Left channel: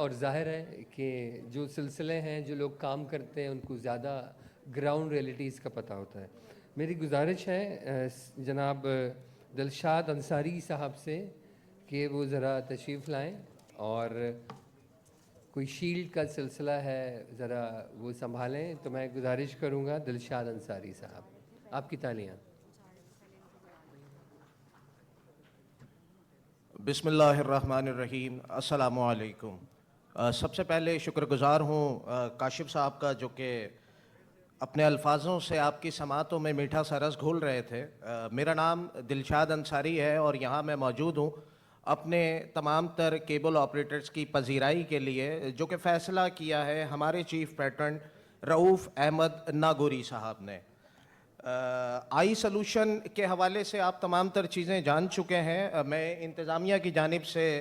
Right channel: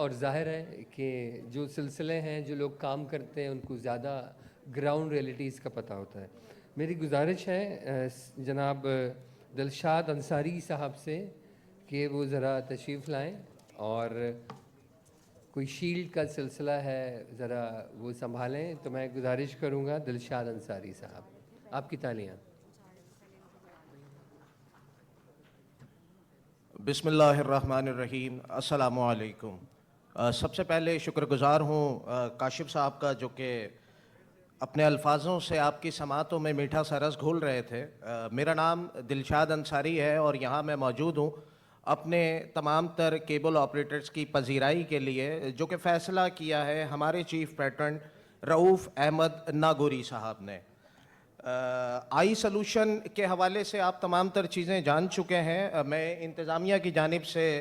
اور ظاہر ہے کہ جو سلسلے ہیں جو لوگ کام کرتے ہیں ان کو زیادہ گراؤنڈ ریئلٹیز کا پتہ ہوتا ہے. میری گزارش ہے جناب دلشاد انصاری صاحب سے کہ وہ ذرا تشریف لائیں اور کوئی شیلڈ کا سلسلہ ہے ذرا وہ سنبھالیں. تو میں گزارش کروں گا دلشاد انصاری صاحب, آپ کی تالیاں. بسم اللہ الرحمن الرحیم. السلام علیکم. سب سے پہلے شکر گزار ہوں کاشف صاحب کا جو کہ اپنے الفاظوں سے آپ کی سماعتوں میں میٹھا سا رس گھول رہے تھے. میرا نام دلشاد انصاری ہے اور یہاں میں موجود ہوں اپنے تمام تر کیبل آپریٹرز کی پذیرائی کے لیے جو کہ فیصلہ کیا ہے ہمارے چیف پیٹرن رؤوف احمد ناگوری صاحب نے. آئی سلوشن کے حوالے سے آپ تمام تر چیزیں جان چکے ہیں. میں انتظامیہ کی جانب سے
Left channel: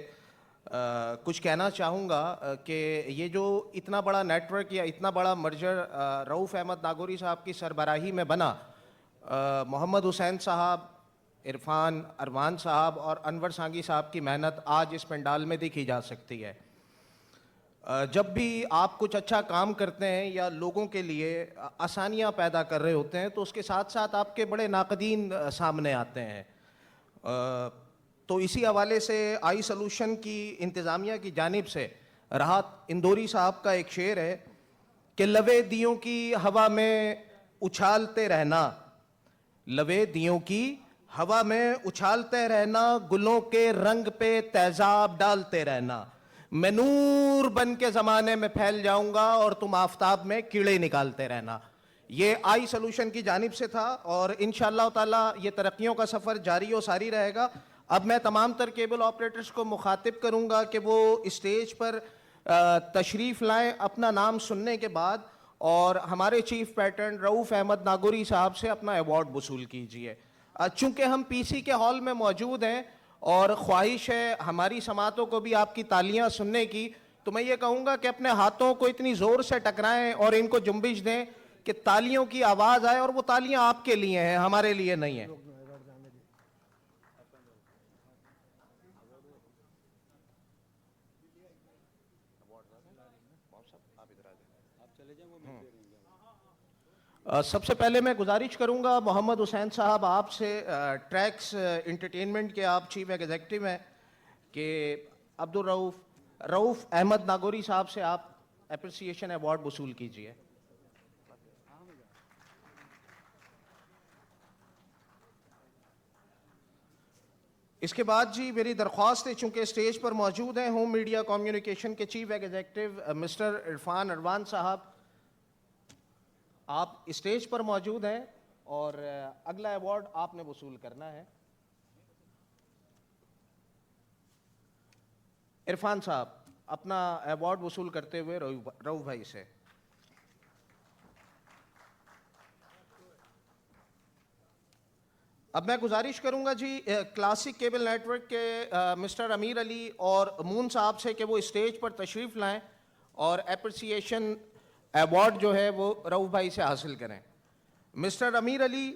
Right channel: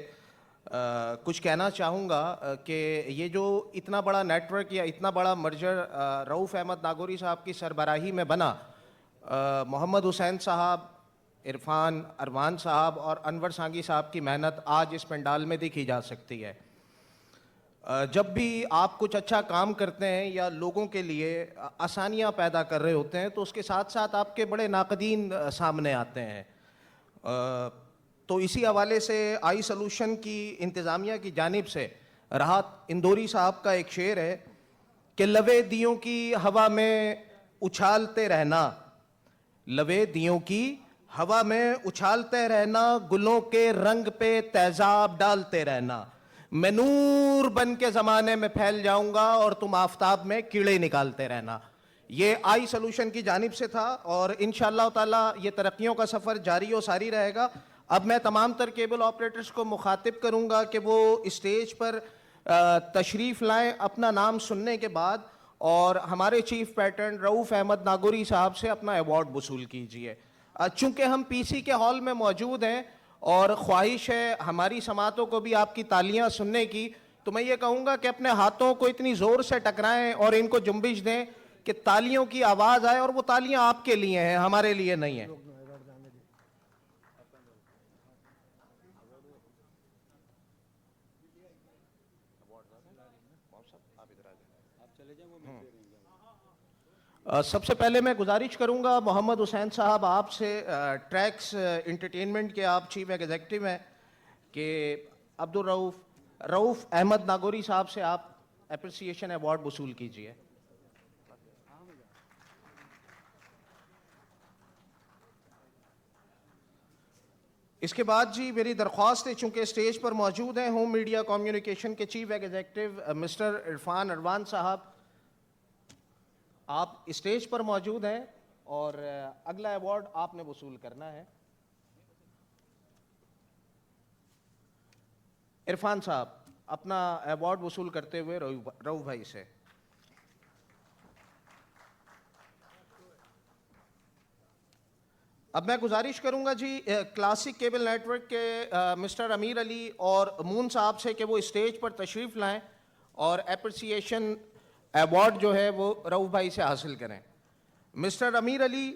کچھ کہنا چاہوں گا کہ یہ جو اتنا بڑا نیٹ ورک یا اتنا بڑا مرجر رؤوف احمد ناگوری صاحب کی سربراہی میں بنا, محمد حسین صاحب, عرفان اروان صاحب اور انور سانگی صاحب کی محنت آج اس پنڈال میں دیکھی جا سکتی ہے. جب بھی آپ کچھ اچھا کام کرتے ہیں یا لوگوں کے لیے آسانیاں پیدا کر رہے ہوتے ہیں تو اس کے ساتھ ساتھ آپ کے بڑے ناقدین سامنے آتے ہیں. تو اسی حوالے سے آئی سلوشن کی انتظامیہ کی جانب سے راحت اندوری صاحب کا ایک شعر ہے کہ لوے دیوں کی ہوا میں اچھالتے رہنا, لوے دیوں کی ہوا میں اچھالتے رہنا, گلوں کے رنگ پہ تیزاب ڈالتے رہنا, میں نور بن کے زمانے میں پھیل جاؤں گا اور تم آفتاب میں کیڑے نکالتے رہنا. یہ آئی سلوشن کی جانب سے تھا اور انشاءاللہ تعالی یہ ترقیوں کا سفر جاری و ساری رہے گا. اب میں تمام تر کیبل آپریٹرز کو مخاطب کروں گا کہ وہ اسٹیج پر تشریف لائیں اپنا نام سننے کے بعد اور ہمارے چیف پیٹرن رؤوف احمد ناگوری صاحب سے اپنا ایوارڈ وصول کیجئے. چونکہ ہم پی سی کے ہال میں موجود ہیں اور خواہش ہے ہماری سماعتوں کو بھی آپ کی تالیاں سننے کی, تو میں یہ کہوں گا کہ اپنے ہاتھوں کو اتنی زور سے ٹکرائیں اور ان کو جنبش دیں کہ تالیوں کی آواز آئے, اور وہ تالیاں آپ کے لیے ہیں, ہمارے لیے نہیں ہیں. سب سے پہلے میں گزارش کروں گا محمد حسین صاحب آپ سے, ٹریکس انٹرٹینمنٹ کے آپ چیف ایگزیکٹو ہیں, کہ رؤوف احمد ناگوری صاحب سے آپ اپریسیشن ایوارڈ وصول کیجئے. اس کے بعد جی میری درخواست ہے, چونکہ اسٹیج پر موجود ہیں ہوم میڈیا کمیونیکیشن کے چیف ایگزیکٹو مسٹر عرفان اروان صاحب, آپ اسٹیج پر موجود ہیں اور اگلا ایوارڈ آپ نے وصول کرنا ہے. عرفان صاحب اپنا ایوارڈ وصول کرتے ہوئے رؤوف بھائی سے. اب میں گزارش کروں گا جی کلاسک کیبل نیٹ ورک کے مسٹر امیر علی اور مون صاحب سے کہ وہ اسٹیج پر تشریف لائیں اور اپریسیشن ایوارڈ جو ہے وہ رؤوف بھائی سے حاصل کریں. مسٹر امیر علی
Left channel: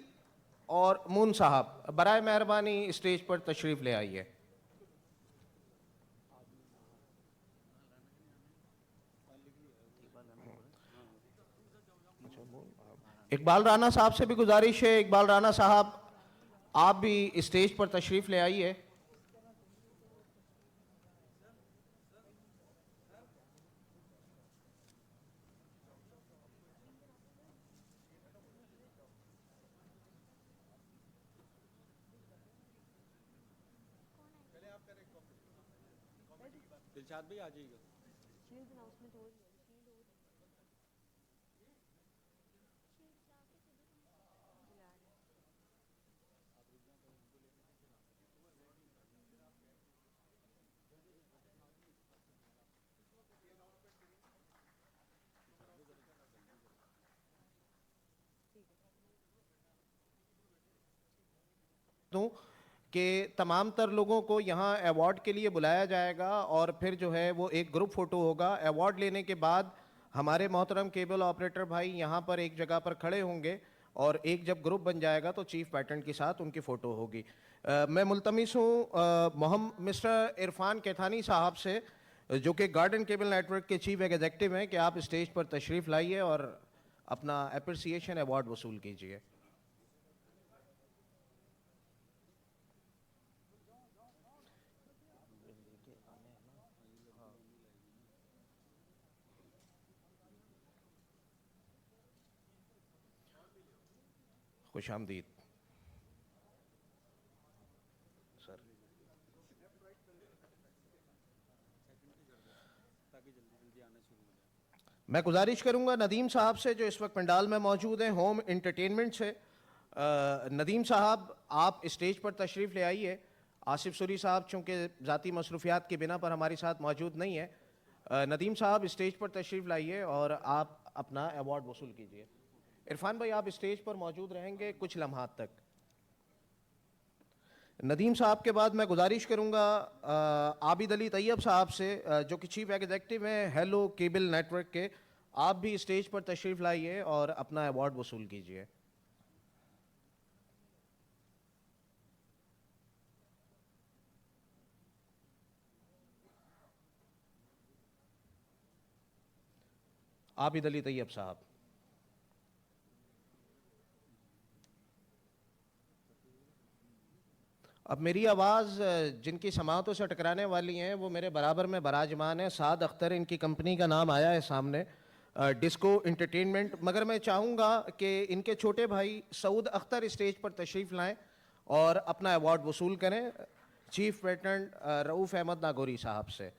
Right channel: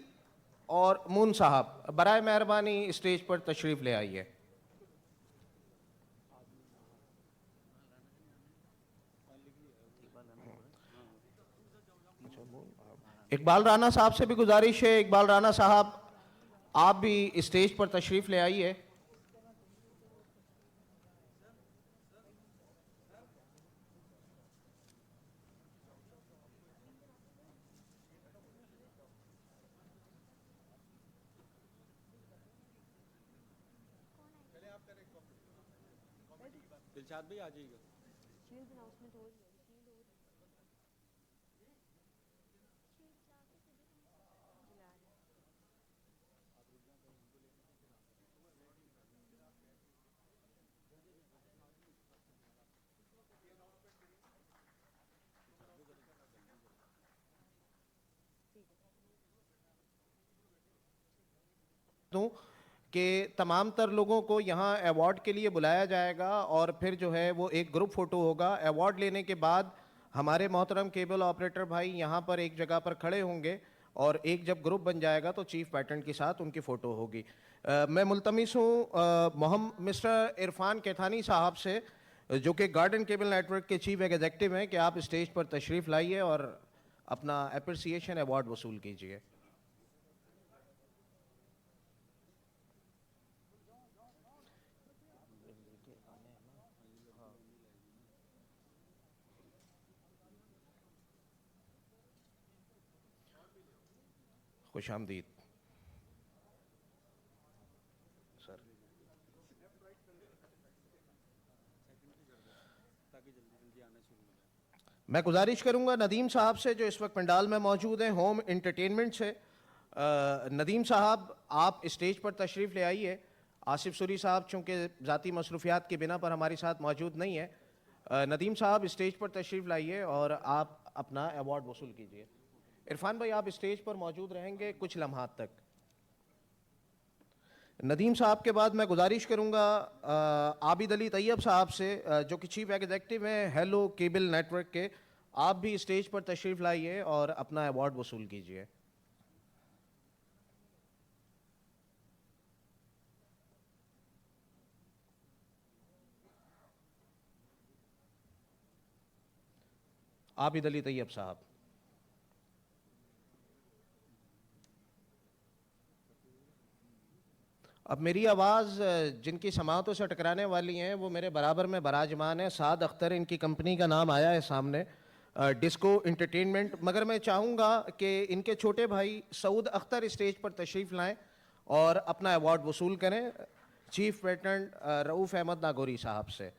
اور مون صاحب برائے مہربانی اسٹیج پر تشریف لے آئیے. اقبال رانا صاحب سے بھی گزارش ہے, اقبال رانا صاحب آپ بھی اسٹیج پر تشریف لے آئیے. دلشاد بھی آ جائے گا. کہ تمام تر لوگوں کو یہاں ایوارڈ کے لیے بلایا جائے گا اور پھر جو ہے وہ ایک گروپ فوٹو ہوگا. ایوارڈ لینے کے بعد ہمارے محترم کیبل آپریٹر بھائی یہاں پر ایک جگہ پر کھڑے ہوں گے اور ایک جب گروپ بن جائے گا تو چیف پیٹرن کے ساتھ ان کی فوٹو ہوگی. میں ملتمس ہوں مسٹر عرفان کیتھانی صاحب سے جو کہ گارڈن کیبل نیٹ ورک کے چیف ایگزیکٹو ہیں، کہ آپ اسٹیج پر تشریف لائیے اور اپنا اپریسیشن ایوارڈ وصول کیجیے. خوش آمدید سر. میں گزارش کروں گا ندیم صاحب سے، جو اس وقت پنڈال میں موجود ہیں ہوم انٹرٹینمنٹ سے. ندیم صاحب آپ اسٹیج پر تشریف لے آئیے. آصف سوری صاحب چونکہ ذاتی مصروفیات کی بنا پر ہمارے ساتھ موجود نہیں ہیں. ندیم صاحب اسٹیج پر تشریف لائیے اور آپ اپنا ایوارڈ وصول کیجیے. عرفان بھائی آپ اسٹیج پر موجود رہیں گے کچھ لمحات تک. ندیم صاحب کے بعد میں گزارش کروں گا عابد علی طیب صاحب سے، جو کہ چیف ایگزیکٹو ہیں ہیلو کیبل نیٹ ورک کے. آپ بھی اسٹیج پر تشریف لائیے اور اپنا ایوارڈ وصول کیجیے. عابد علی طیب صاحب. اب میری آواز جن کی سماعتوں سے ٹکرانے والی ہیں وہ میرے برابر میں براجمان ہیں. سعد اختر ان کی کمپنی کا نام آیا ہے سامنے، ڈسکو انٹرٹینمنٹ. مگر میں چاہوں گا کہ ان کے چھوٹے بھائی سعود اختر اسٹیج پر تشریف لائیں اور اپنا ایوارڈ وصول کریں چیف پیٹرن رؤوف احمد ناگوری صاحب سے.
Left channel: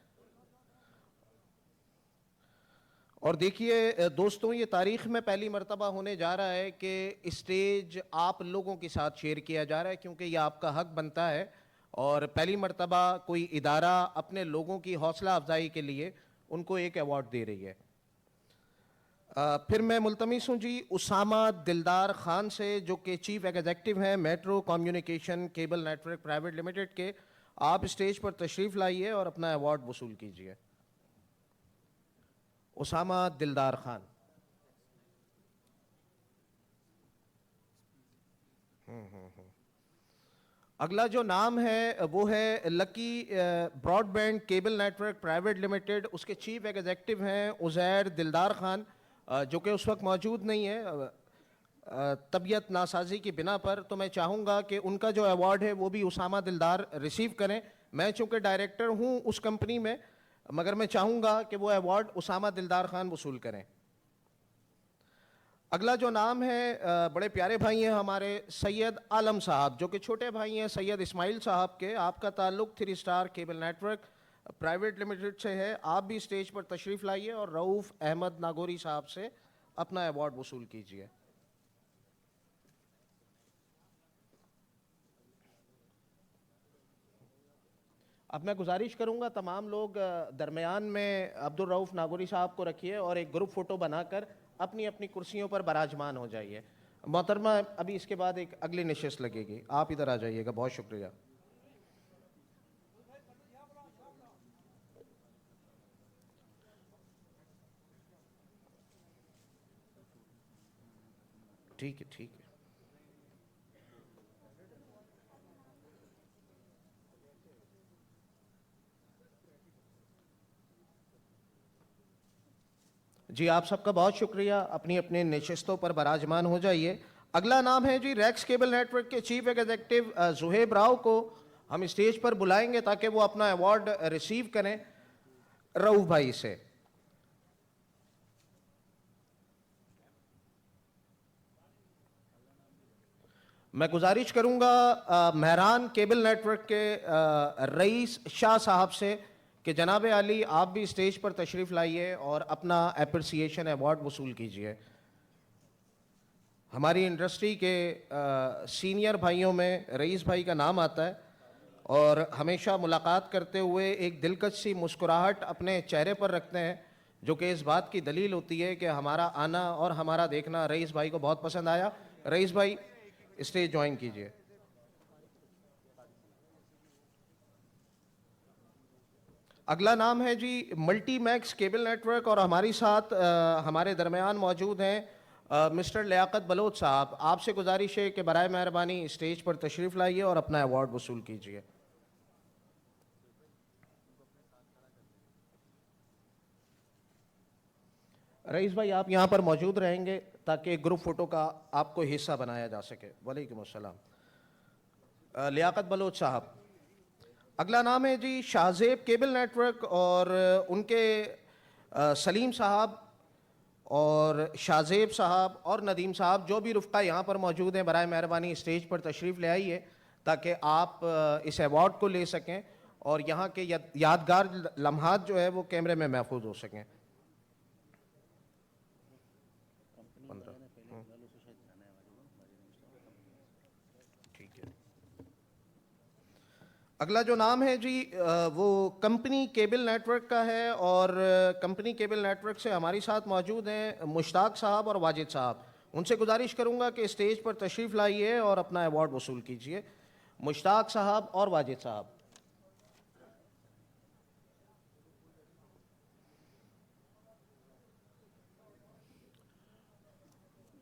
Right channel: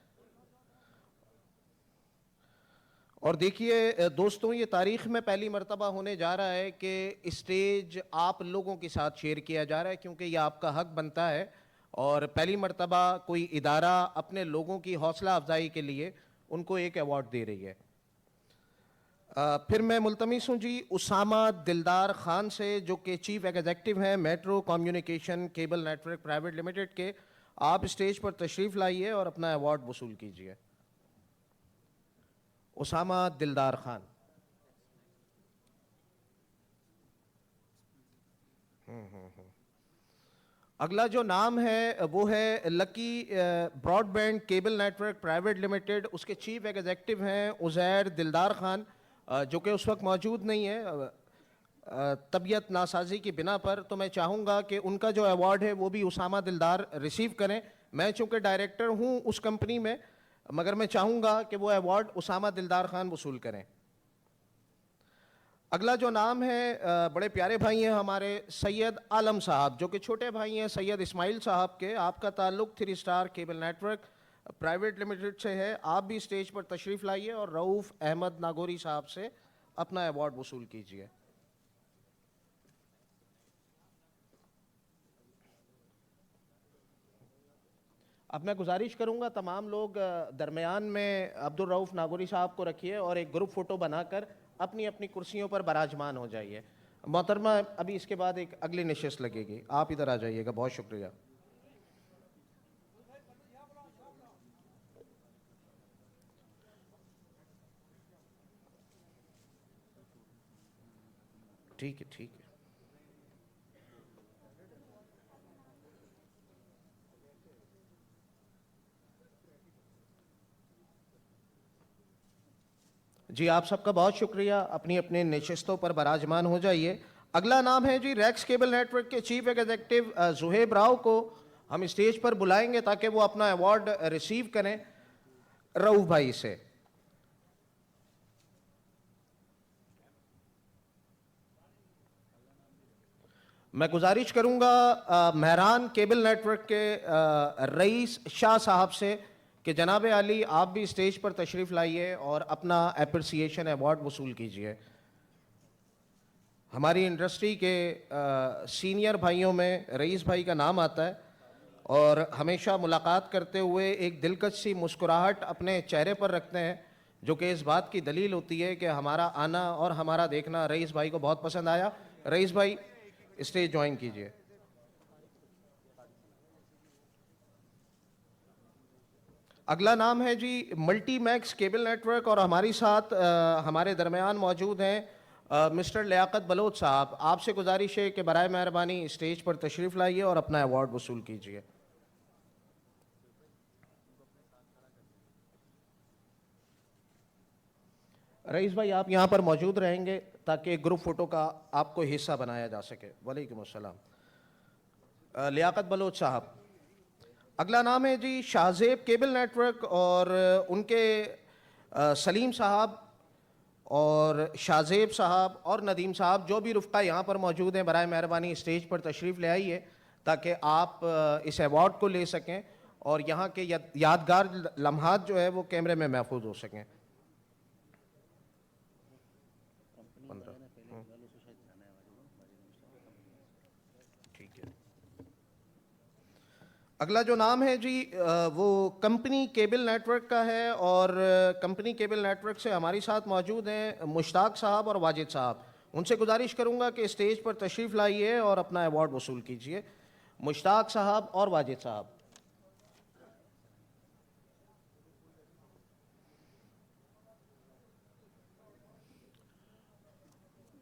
اور دیکھیے دوستوں، یہ تاریخ میں پہلی مرتبہ ہونے جا رہا ہے کہ اسٹیج آپ لوگوں کے ساتھ شیئر کیا جا رہا ہے، کیونکہ یہ آپ کا حق بنتا ہے. اور پہلی مرتبہ کوئی ادارہ اپنے لوگوں کی حوصلہ افزائی کے لیے ان کو ایک ایوارڈ دے رہی ہے. پھر میں ملتمس ہوں جی اسامہ دلدار خان سے، جو کہ چیف ایگزیکٹو ہیں metro communication cable network private limited کے. آپ اسٹیج پر تشریف لائیے اور اپنا ایوارڈ وصول کیجیے. اسامہ دلدار خان. اگلا جو نام ہے وہ ہے lucky broadband cable network private limited. اس کے چیف ایگزیکٹو ہیں عزیر دلدار خان، جو کہ اس وقت موجود نہیں ہے طبیعت ناسازی کی بنا پر. تو میں چاہوں گا کہ ان کا جو ایوارڈ ہے وہ بھی اسامہ دلدار ریسیو کریں. میں چونکہ ڈائریکٹر ہوں اس کمپنی میں، مگر میں چاہوں گا کہ وہ ایوارڈ اسامہ دلدار خان وصول کریں. اگلا جو نام ہے بڑے پیارے بھائی ہیں ہمارے سید عالم صاحب، جو کہ چھوٹے بھائی ہیں سید اسماعیل صاحب کے. آپ کا تعلق 3 star cable network private limited سے ہے. آپ بھی اسٹیج پر تشریف لائیے اور رؤوف احمد ناگوری صاحب سے اپنا ایوارڈ وصول کیجیے. اب میں گزارش کروں گا تمام لوگ درمیان میں عبد الرؤوف ناگوری صاحب کو رکھیے اور ایک گروپ فوٹو بنا کر اپنی اپنی کرسیوں پر براجمان ہو جائیے. محترمہ ابھی اس کے بعد ایک اگلی نشست لگے گی، آپ ادھر آ جائیے گا. بہت شکریہ. ٹھیک ہے ٹھیک ہے. جی آپ سب کا بہت شکریہ. اپنی اپنے نشستوں پر براجمان ہو جائیے. اگلا نام ہے جی ریکس کیبل نیٹ ورک کے چیف ایگزیکٹو زہیب راؤ کو ہم اسٹیج پر بلائیں گے تاکہ وہ اپنا ایوارڈ ریسیو کریں رؤوف بھائی سے. میں گزارش کروں گا مہران کیبل نیٹ ورک کے رئیس شاہ صاحب سے کہ جناب علی آپ بھی اسٹیج پر تشریف لائیے اور اپنا اپریسیشن ایوارڈ وصول کیجیے. ہماری انڈسٹری کے سینئر بھائیوں میں رئیس بھائی کا نام آتا ہے اور ہمیشہ ملاقات کرتے ہوئے ایک دلکش سی مسکراہٹ اپنے چہرے پر رکھتے ہیں، جو کہ اس بات کی دلیل ہوتی ہے کہ ہمارا آنا اور ہمارا دیکھنا رئیس بھائی کو بہت پسند آیا. رئیس بھائی اسٹیج جوائن کیجیے. اگلا نام ہے جی multi max cable network اور ہماری ساتھ ہمارے درمیان موجود ہیں مسٹر لیاقت بلوچ صاحب. آپ سے گزارش ہے کہ برائے مہربانی اسٹیج پر تشریف لائیے اور اپنا ایوارڈ وصول کیجیے. رئیس بھائی آپ یہاں پر موجود رہیں گے تاکہ گروپ فوٹو کا آپ کو حصہ بنایا جا سکے. وعلیکم السلام. لیاقت بلوچ صاحب. اگلا نام ہے جی شاہزیب کیبل نیٹ ورک اور ان کے سلیم صاحب اور شاہزیب صاحب اور ندیم صاحب جو بھی رفقا یہاں پر موجود ہیں برائے مہربانی اسٹیج پر تشریف لے آئیے تاکہ آپ اس ایوارڈ کو لے سکیں اور یہاں کے یادگار لمحات جو ہے وہ کیمرے میں محفوظ ہو سکیں. اگلا جو نام ہے جی وہ کمپنی کیبل نیٹ ورک کا ہے اور کمپنی کیبل نیٹ ورک سے ہماری ساتھ موجود ہیں مشتاق صاحب اور واجد صاحب. ان سے گزارش کروں گا کہ اسٹیج پر تشریف لائیے اور اپنا ایوارڈ وصول کیجیے. مشتاق صاحب اور واجد صاحب.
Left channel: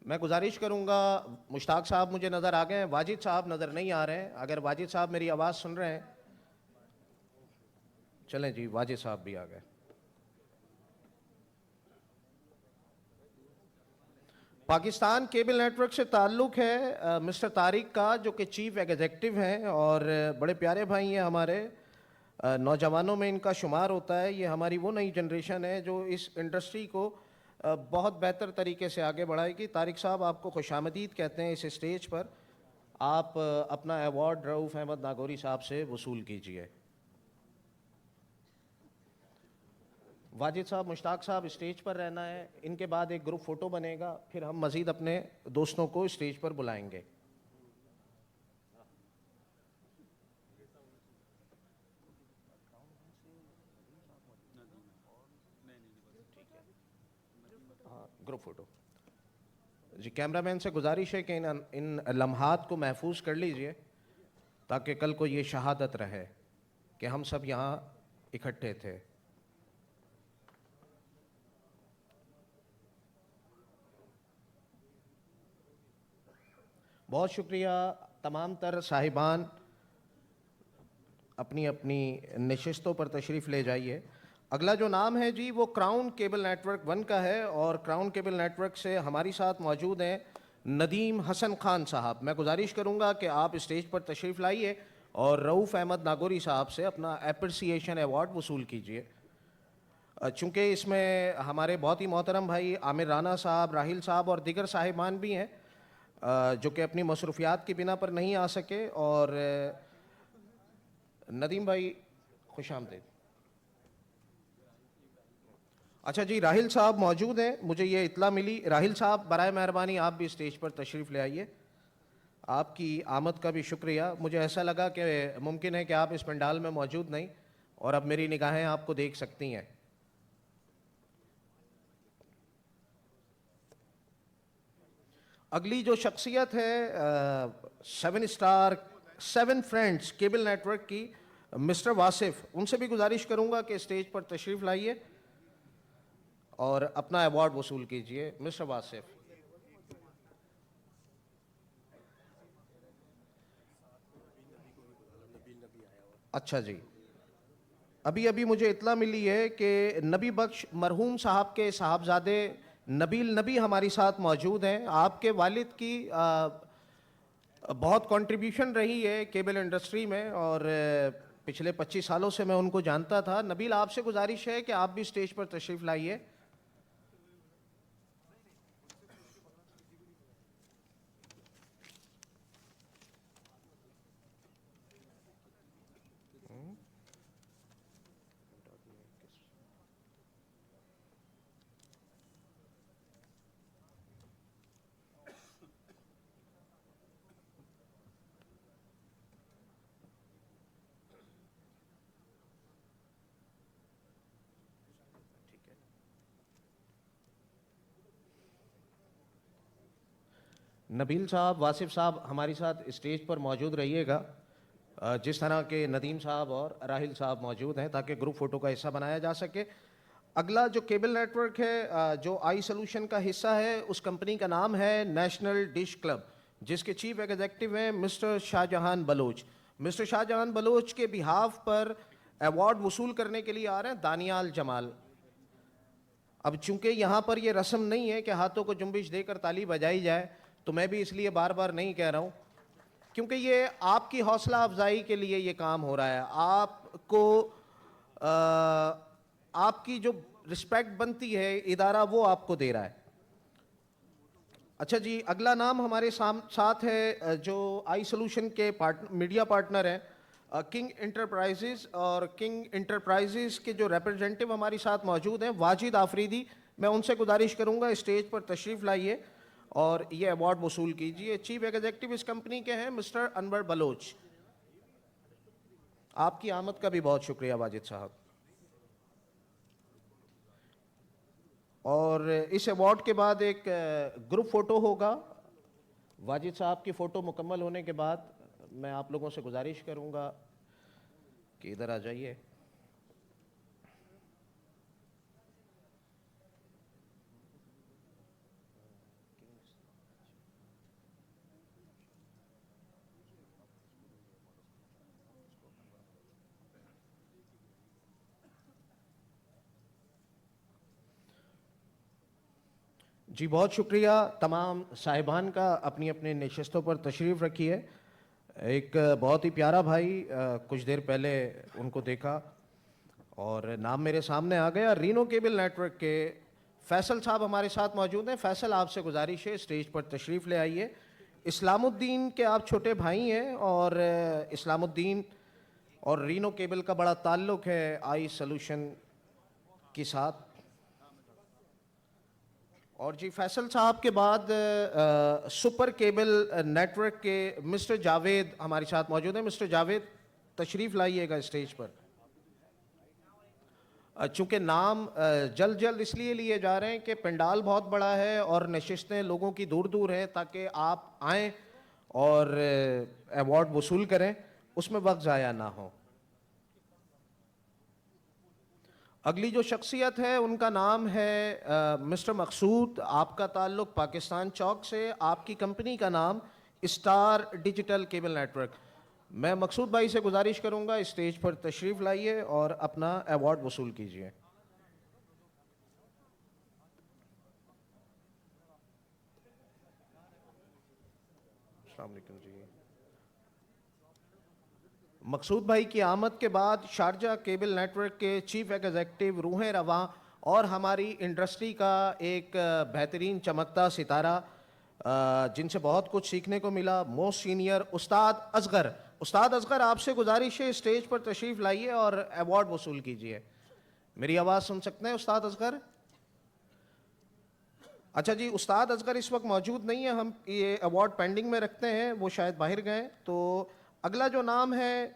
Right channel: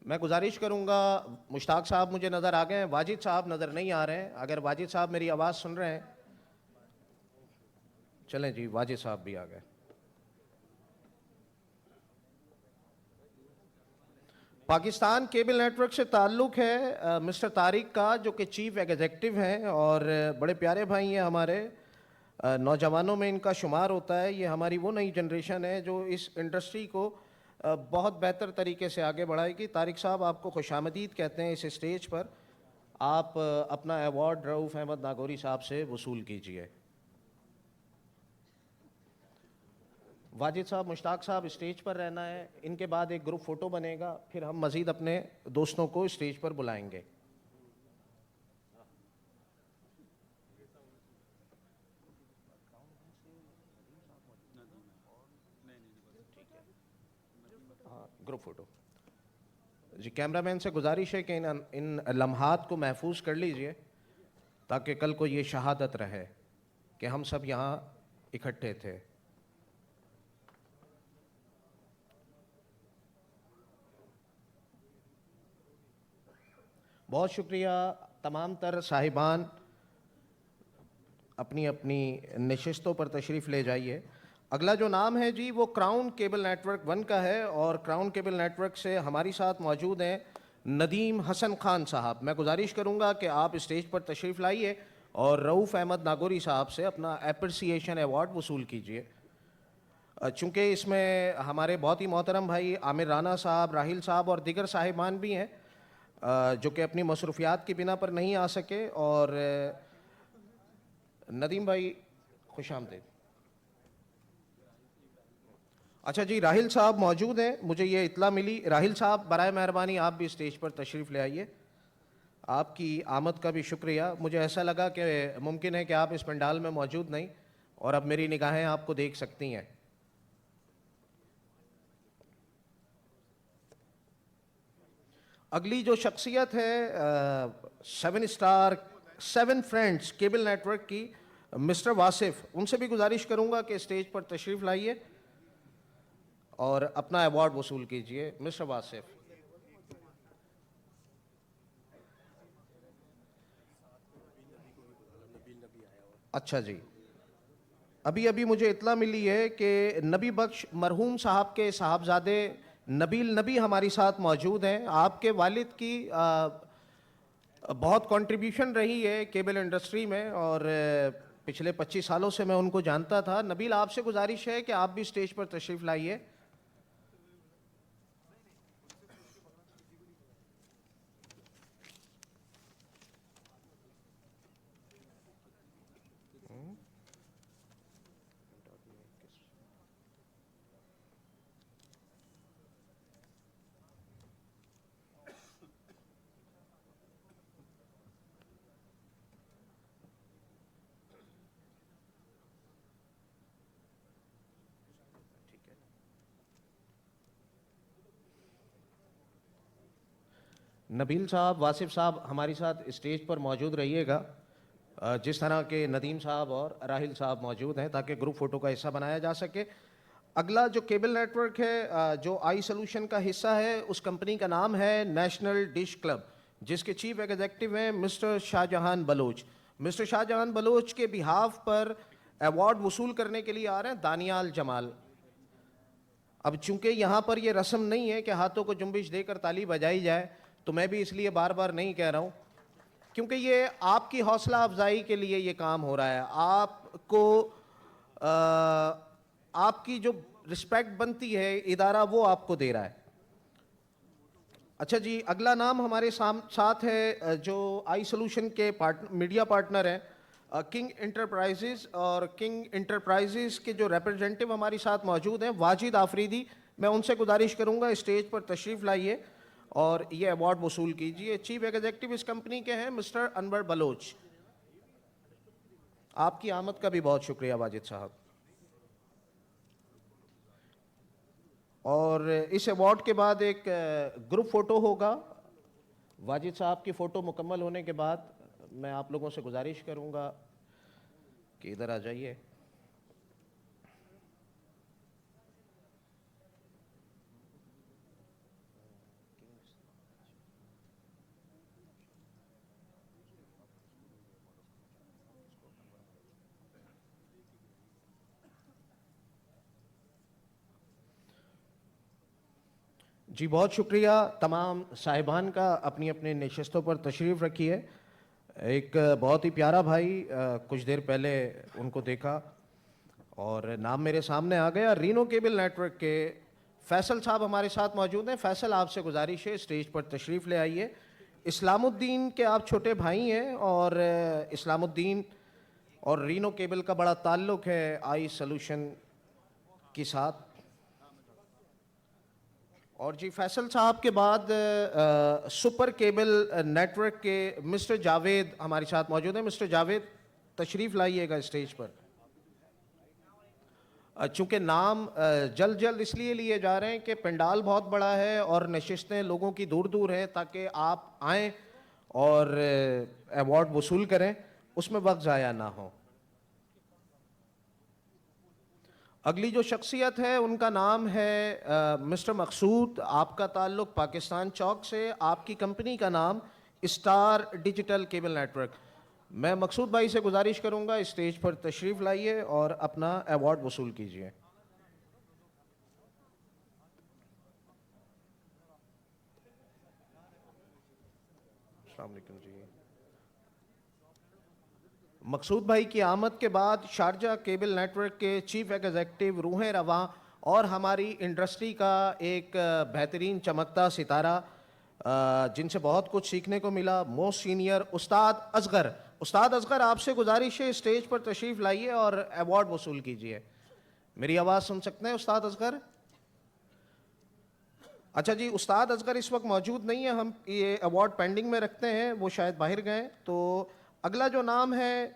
میں گزارش کروں گا مشتاق صاحب مجھے نظر آ گئے ہیں, واجد صاحب نظر نہیں آ رہے ہیں. اگر واجد صاحب میری آواز سن رہے ہیں چلیں جی واجد صاحب بھی آ گئے. پاکستان کیبل نیٹ ورک سے تعلق ہے مسٹر طارق کا جو کہ چیف ایگزیکٹو ہیں اور بڑے پیارے بھائی ہیں ہمارے. نوجوانوں میں ان کا شمار ہوتا ہے. یہ ہماری وہ نئی جنریشن ہے جو اس انڈسٹری کو بہت بہتر طریقے سے آگے بڑھائے گی. طارق صاحب آپ کو خوش آمدید کہتے ہیں اس اسٹیج پر. آپ اپنا ایوارڈ رؤوف احمد ناگوری صاحب سے وصول کیجیے. واجد صاحب مشتاق صاحب اسٹیج پر رہنا ہے. ان کے بعد ایک گروپ فوٹو بنے گا پھر ہم مزید اپنے دوستوں کو اسٹیج پر بلائیں گے. گروپ فوٹو جی. کیمرہ مین سے گزارش ہے کہ ان لمحات کو محفوظ کر لیجئے تاکہ کل کو یہ شہادت رہے کہ ہم سب یہاں اکٹھے تھے. بہت شکریہ تمام تر صاحبان. اپنی اپنی نشستوں پر تشریف لے جائیے. اگلا جو نام ہے جی وہ کراؤن کیبل نیٹ ورک 1 کا ہے اور کراؤن کیبل نیٹ ورک سے ہماری ساتھ موجود ہیں ندیم حسن خان صاحب. میں گزارش کروں گا کہ آپ اسٹیج پر تشریف لائیے اور رؤوف احمد ناگوری صاحب سے اپنا اپریسیشن ایوارڈ وصول کیجیے. چونکہ اس میں ہمارے بہت ہی محترم بھائی عامر رانا صاحب, راہیل صاحب اور دیگر صاحبان بھی ہیں جو کہ اپنی مصروفیات کی بنا پر نہیں آ سکے. اور ندیم بھائی خوش آمدید. اچھا جی راہیل صاحب موجود ہیں, مجھے یہ اطلاع ملی. راہیل صاحب برائے مہربانی آپ بھی اسٹیج پر تشریف لے آئیے. آپ کی آمد کا بھی شکریہ. مجھے ایسا لگا کہ ممکن ہے کہ آپ اس پنڈال میں موجود نہیں اور اب میری نگاہیں آپ کو دیکھ سکتی ہیں. اگلی جو شخصیت ہے 7 star 7 friends cable network کی مسٹر واصف. ان سے بھی گزارش کروں گا کہ اسٹیج پر تشریف لائیے اور اپنا ایوارڈ وصول کیجیے. مسٹر واصف. اچھا جی, ابھی مجھے اطلاع ملی ہے کہ نبی بخش مرحوم صاحب کے صاحبزادے نبیل نبی ہماری ساتھ موجود ہیں. آپ کے والد کی بہت کنٹریبیوشن رہی ہے کیبل انڈسٹری میں اور پچھلے 25 سالوں سے میں ان کو جانتا تھا. نبیل آپ سے گزارش ہے کہ آپ بھی اسٹیج پر تشریف لائیے. نبیل صاحب, واصف صاحب ہماری ساتھ اسٹیج پر موجود رہیے گا جس طرح کے ندیم صاحب اور راہیل صاحب موجود ہیں تاکہ گروپ فوٹو کا حصہ بنایا جا سکے. اگلا جو کیبل نیٹ ورک ہے جو آئی سولوشن کا حصہ ہے اس کمپنی کا نام ہے نیشنل ڈش کلب جس کے چیف ایگزیکٹو ہیں مسٹر شاہ جہان بلوچ. مسٹر شاہ جہان بلوچ کے بہاف پر ایوارڈ وصول کرنے کے لیے آ رہے ہیں دانیال جمال. اب چونکہ یہاں پر یہ رسم نہیں ہے کہ ہاتھوں کو جنبش دے کر تالی بجائی جائے، تو میں بھی اس لیے بار بار نہیں کہہ رہا ہوں، کیونکہ یہ آپ کی حوصلہ افزائی کے لیے یہ کام ہو رہا ہے. آپ کو آپ کی جو رسپیکٹ بنتی ہے ادارہ وہ آپ کو دے رہا ہے. اچھا جی، اگلا نام ہمارے ساتھ ہے جو آئی سولوشن کے میڈیا پارٹنر ہیں کنگ انٹرپرائزز، اور کنگ انٹرپرائزز کے جو ریپرزینٹیو ہمارے ساتھ موجود ہیں واجد آفریدی. میں ان سے گزارش کروں گا اسٹیج پر تشریف لائیے اور یہ ایوارڈ وصول کیجیے. چیف ایگزیکٹو اس کمپنی کے ہیں مسٹر انور بلوچ. آپ کی آمد کا بھی بہت شکریہ واجد صاحب. اور اس ایوارڈ کے بعد ایک گروپ فوٹو ہوگا. واجد صاحب کی فوٹو مکمل ہونے کے بعد میں آپ لوگوں سے گزارش کروں گا کہ ادھر آ جائیے. جی بہت شکریہ تمام صاحبان کا. اپنی اپنے نشستوں پر تشریف رکھیے. ایک بہت ہی پیارا بھائی، کچھ دیر پہلے ان کو دیکھا اور نام میرے سامنے آ گیا. رینو کیبل نیٹ ورک کے فیصل صاحب ہمارے ساتھ موجود ہیں. فیصل، آپ سے گزارش ہے اسٹیج پر تشریف لے آئیے. اسلام الدین کے آپ چھوٹے بھائی ہیں اور اسلام الدین اور رینو کیبل کا بڑا تعلق ہے آئی سولوشن کے ساتھ. اور جی فیصل صاحب کے بعد سپر کیبل نیٹ ورک کے مسٹر جاوید ہمارے ساتھ موجود ہیں. مسٹر جاوید تشریف لائیے گا اسٹیج پر. چونکہ نام جلد اس لیے لیے جا رہے ہیں کہ پنڈال بہت بڑا ہے اور نشستیں لوگوں کی دور دور ہیں، تاکہ آپ آئیں اور ایوارڈ وصول کریں، اس میں وقت ضائع نہ ہو. اگلی جو شخصیت ہے ان کا نام ہے مسٹر مقصود. آپ کا تعلق پاکستان چوک سے. آپ کی کمپنی کا نام star digital cable network. میں مقصود بھائی سے گزارش کروں گا اسٹیج پر تشریف لائیے اور اپنا ایوارڈ وصول کیجیے. السلام علیکم جی. مقصود بھائی کی آمد کے بعد شارجہ کیبل نیٹ ورک کے چیف ایگزیکٹو روحیں رواں اور ہماری انڈسٹری کا ایک بہترین چمکتا ستارہ جن سے بہت کچھ سیکھنے کو ملا، موسٹ سینئر استاد اصغر. استاد اصغر، آپ سے گزارش ہے اسٹیج پر تشریف لائیے اور ایوارڈ وصول کیجیے. میری آواز سن سکتے ہیں استاد اصغر؟ اچھا جی، استاد اصغر اس وقت موجود نہیں ہے. ہم یہ ایوارڈ پینڈنگ میں رکھتے ہیں، وہ شاید باہر گئے. تو اگلا جو نام ہے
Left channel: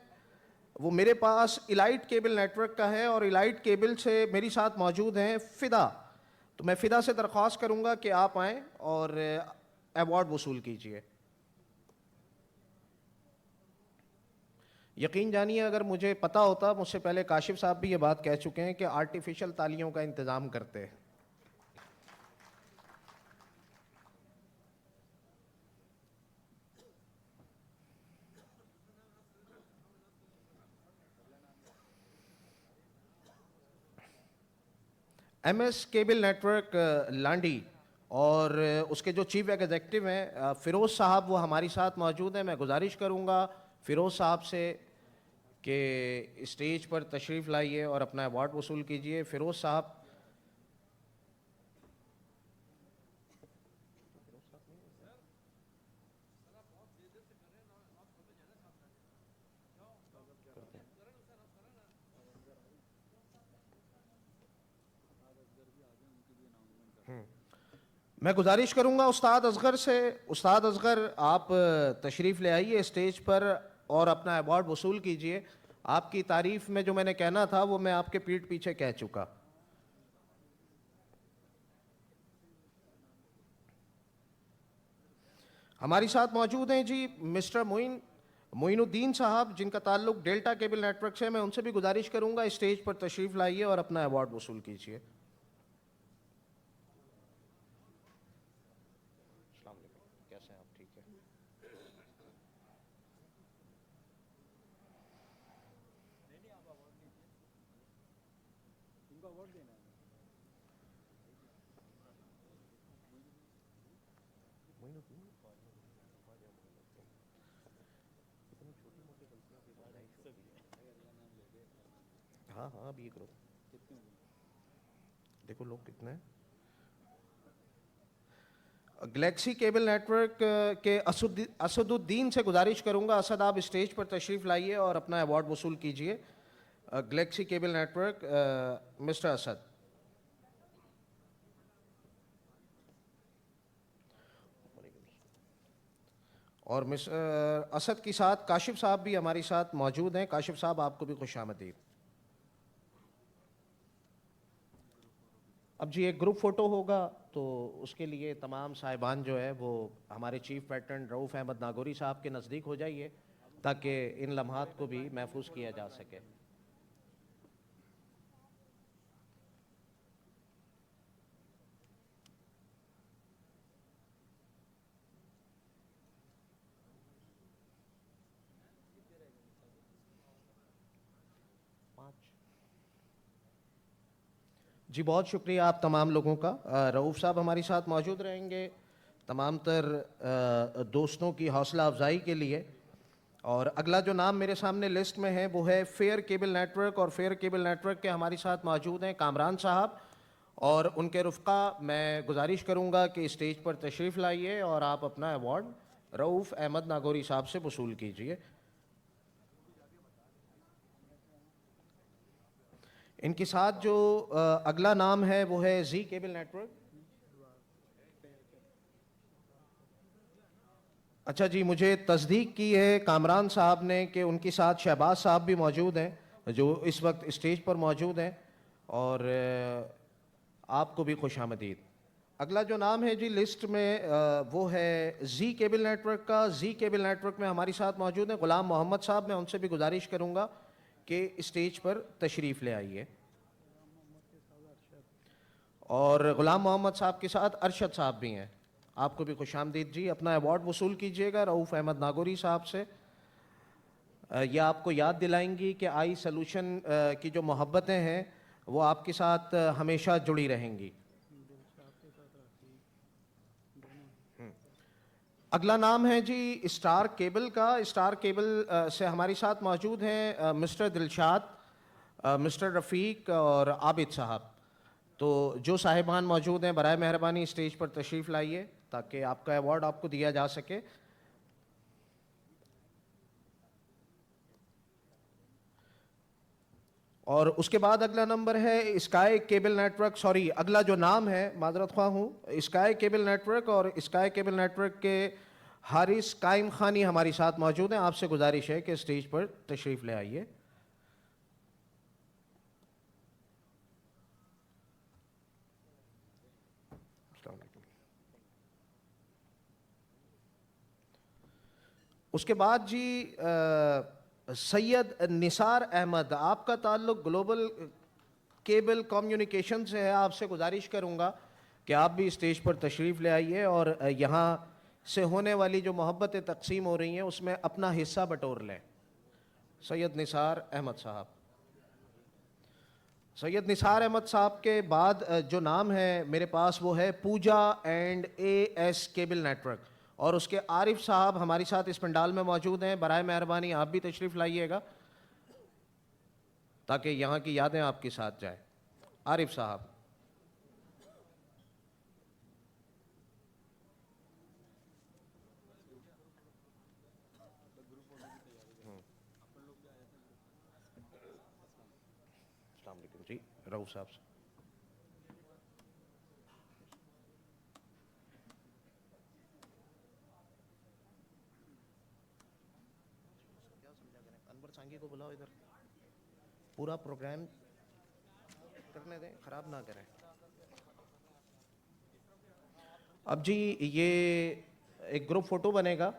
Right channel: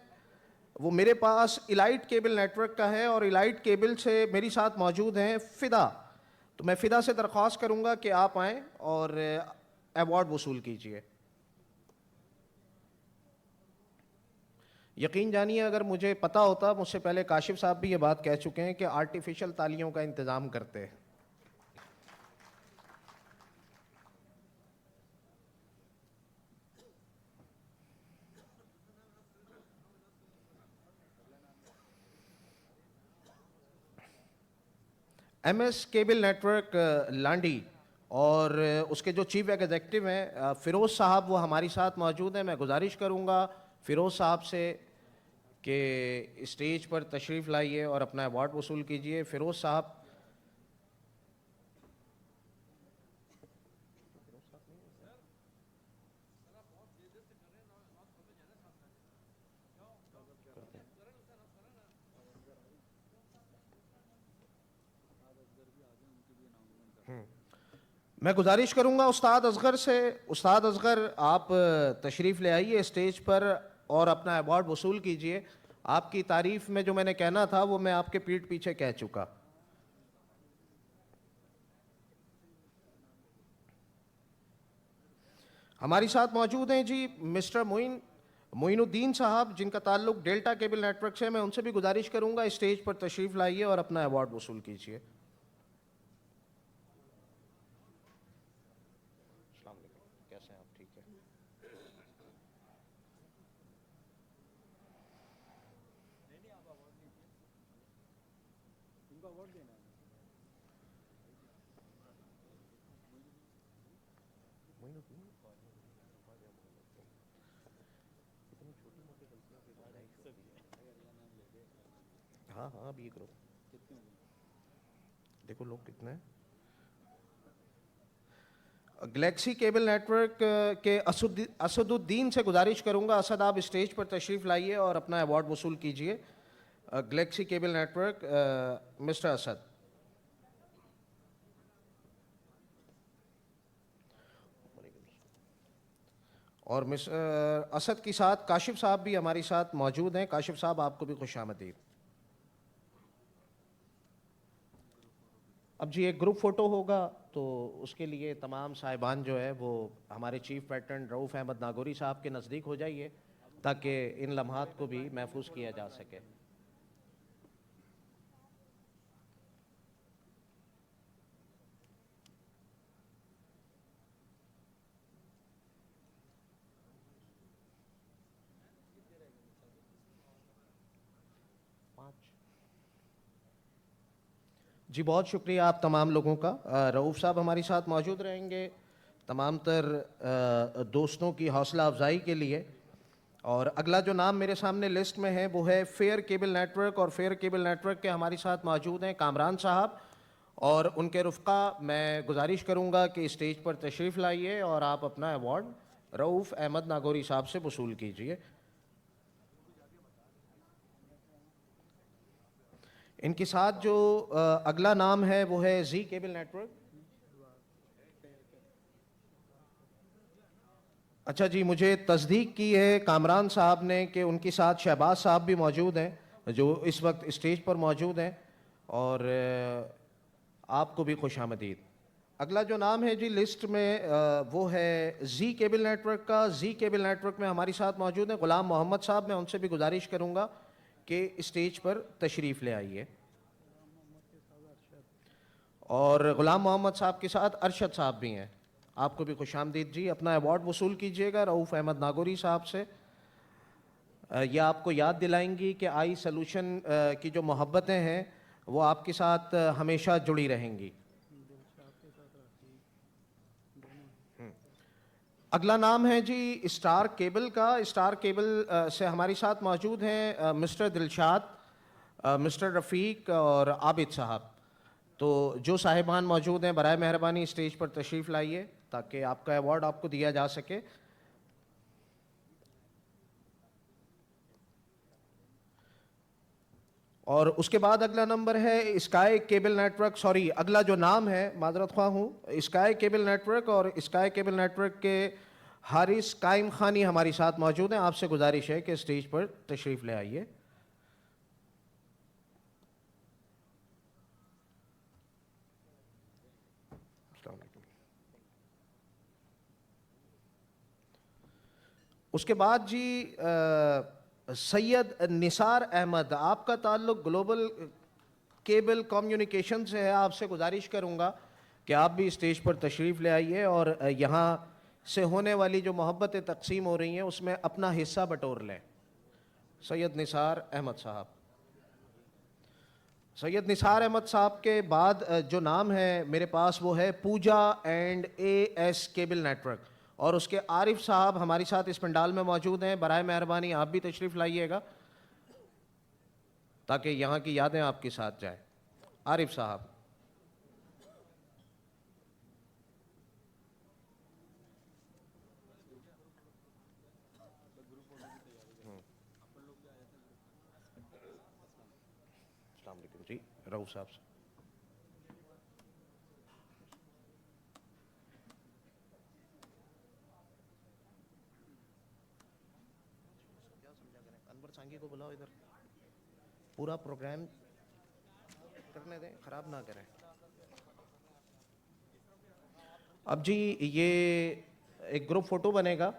وہ میرے پاس الائٹ کیبل نیٹ ورک کا ہے اور الائٹ کیبل سے میری ساتھ موجود ہیں فدا. تو میں فدا سے درخواست کروں گا کہ آپ آئیں اور ایوارڈ وصول کیجیے. یقین جانیے اگر مجھے پتا ہوتا، مجھ سے پہلے کاشف صاحب بھی یہ بات کہہ چکے ہیں کہ آرٹیفیشل تالیوں کا انتظام کرتے ہیں. M S cable network Landi اور اس کے جو چیف ایگزیکٹو ہیں فیروز صاحب، وہ ہماری ساتھ موجود ہیں. میں گزارش کروں گا فیروز صاحب سے کہ اسٹیج پر تشریف لائیے اور اپنا ایوارڈ وصول کیجیے. فیروز صاحب. میں گزارش کروں گا استاد اصغر سے. استاد اصغر، آپ تشریف لے آئیے اسٹیج پر اور اپنا ایوارڈ وصول کیجیے. آپ کی تعریف میں جو میں نے کہنا تھا وہ میں آپ کے پیٹھ پیچھے کہہ چکا. ہماری ساتھ موجود ہیں جی مسٹر معین الدین صاحب، جن کا تعلق ڈیلٹا کیبل نیٹ ورک سے. میں ان سے بھی گزارش کروں گا اسٹیج پر تشریف لائیے اور اپنا ایوارڈ وصول کیجیے. السلام علیکم، کیسے ہیں آپ؟ ٹھیک ہے. ہاں ہاں ابھی کرو, دیکھو لوگ کتنے ہیں. گلیکسی کیبل نیٹ ورک کے اسد الدین سے گزارش کروں گا، اسد آپ اسٹیج پر تشریف لائیے اور اپنا ایوارڈ وصول کیجیے. Galaxy cable network, mister Asad. اور مسٹر اسد کے ساتھ کاشف صاحب بھی ہمارے ساتھ موجود ہیں. کاشف صاحب آپ کو بھی خوش آمدید. اب جی ایک گروپ فوٹو ہوگا تو اس کے لیے تمام صاحبان جو ہے وہ ہمارے چیف پیٹرن رؤوف احمد ناگوری صاحب کے نزدیک ہو جائیے تاکہ ان لمحات کو بھی محفوظ کیا جا سکے. جی بہت شکریہ آپ تمام لوگوں کا. رؤوف صاحب ہمارے ساتھ موجود رہیں گے تمام تر دوستوں کی حوصلہ افزائی کے لیے. اور اگلا جو نام میرے سامنے لسٹ میں ہے وہ ہے فیئر کیبل نیٹ ورک، اور فیئر کیبل نیٹ ورک کے ہمارے ساتھ موجود ہیں کامران صاحب اور ان کے رفقا. میں گزارش کروں گا کہ اسٹیج پر تشریف لائیے اور آپ اپنا ایوارڈ رؤوف احمد ناگوری صاحب سے وصول کیجیے. ان کے ساتھ جو اگلا نام ہے وہ ہے زی کیبل نیٹ ورک. اچھا جی، مجھے تصدیق کی ہے کامران صاحب نے کہ ان کے ساتھ شہباز صاحب بھی موجود ہیں جو اس وقت اسٹیج پر موجود ہیں، اور آپ کو بھی خوش آمدید. اگلا جو نام ہے جی لسٹ میں وہ ہے زی کیبل نیٹ ورک کا. زی کیبل نیٹ ورک میں ہماری ساتھ موجود ہیں غلام محمد صاحب. میں ان سے بھی گزارش کروں گا کہ اسٹیج پر تشریف لے آئیے. اور غلام محمد صاحب کے ساتھ ارشد صاحب بھی ہیں. آپ کو بھی خوش آمدید جی. اپنا ایوارڈ وصول کیجیے گا رؤوف احمد ناگوری صاحب سے. یہ آپ کو یاد دلائیں گی کہ آئی سلوشن کی جو محبتیں ہیں وہ آپ کے ساتھ ہمیشہ جڑی رہیں گی. اگلا نام ہے جی اسٹار کیبل کا. اسٹار کیبل سے ہماری ساتھ موجود ہیں مسٹر دلشاد، مسٹر رفیق اور عابد صاحب. تو جو صاحبان موجود ہیں برائے مہربانی اسٹیج پر تشریف لائیے تاکہ آپ کا ایوارڈ آپ کو دیا جا سکے. اور اس کے بعد اگلا نمبر ہے sky cable network. Sorry, اگلا جو نام ہے معذرت خواہ ہوں، اسکائی کیبل نیٹ ورک. اور اسکائی کیبل نیٹ ورک کے حارث قائم خانی ہماری ساتھ موجود ہیں. آپ سے گزارش ہے کہ اسٹیج پر تشریف لے آئیے. اس کے بعد جی سید نثار احمد. آپ کا تعلق گلوبل کیبل کمیونیکیشن سے ہے. آپ سے گزارش کروں گا کہ آپ بھی اسٹیج پر تشریف لے آئیے اور یہاں سے ہونے والی جو محبتیں تقسیم ہو رہی ہیں اس میں اپنا حصہ بٹور لیں. سید نثار احمد صاحب. سید نثار احمد صاحب کے بعد جو نام ہے میرے پاس وہ ہے Pooja and A S cable network. اور اس کے عارف صاحب ہماری ساتھ اس پنڈال میں موجود ہیں. برائے مہربانی آپ بھی تشریف لائیے گا تاکہ یہاں کی یادیں آپ کے ساتھ جائیں. عارف صاحب. السلام علیکم جی. رؤوف صاحب سے. انور سانگی کو بلاؤ ادھر. پورا پروگرام کرنے دیں، خراب نہ کریں. اب جی یہ ایک گروپ فوٹو بنے گا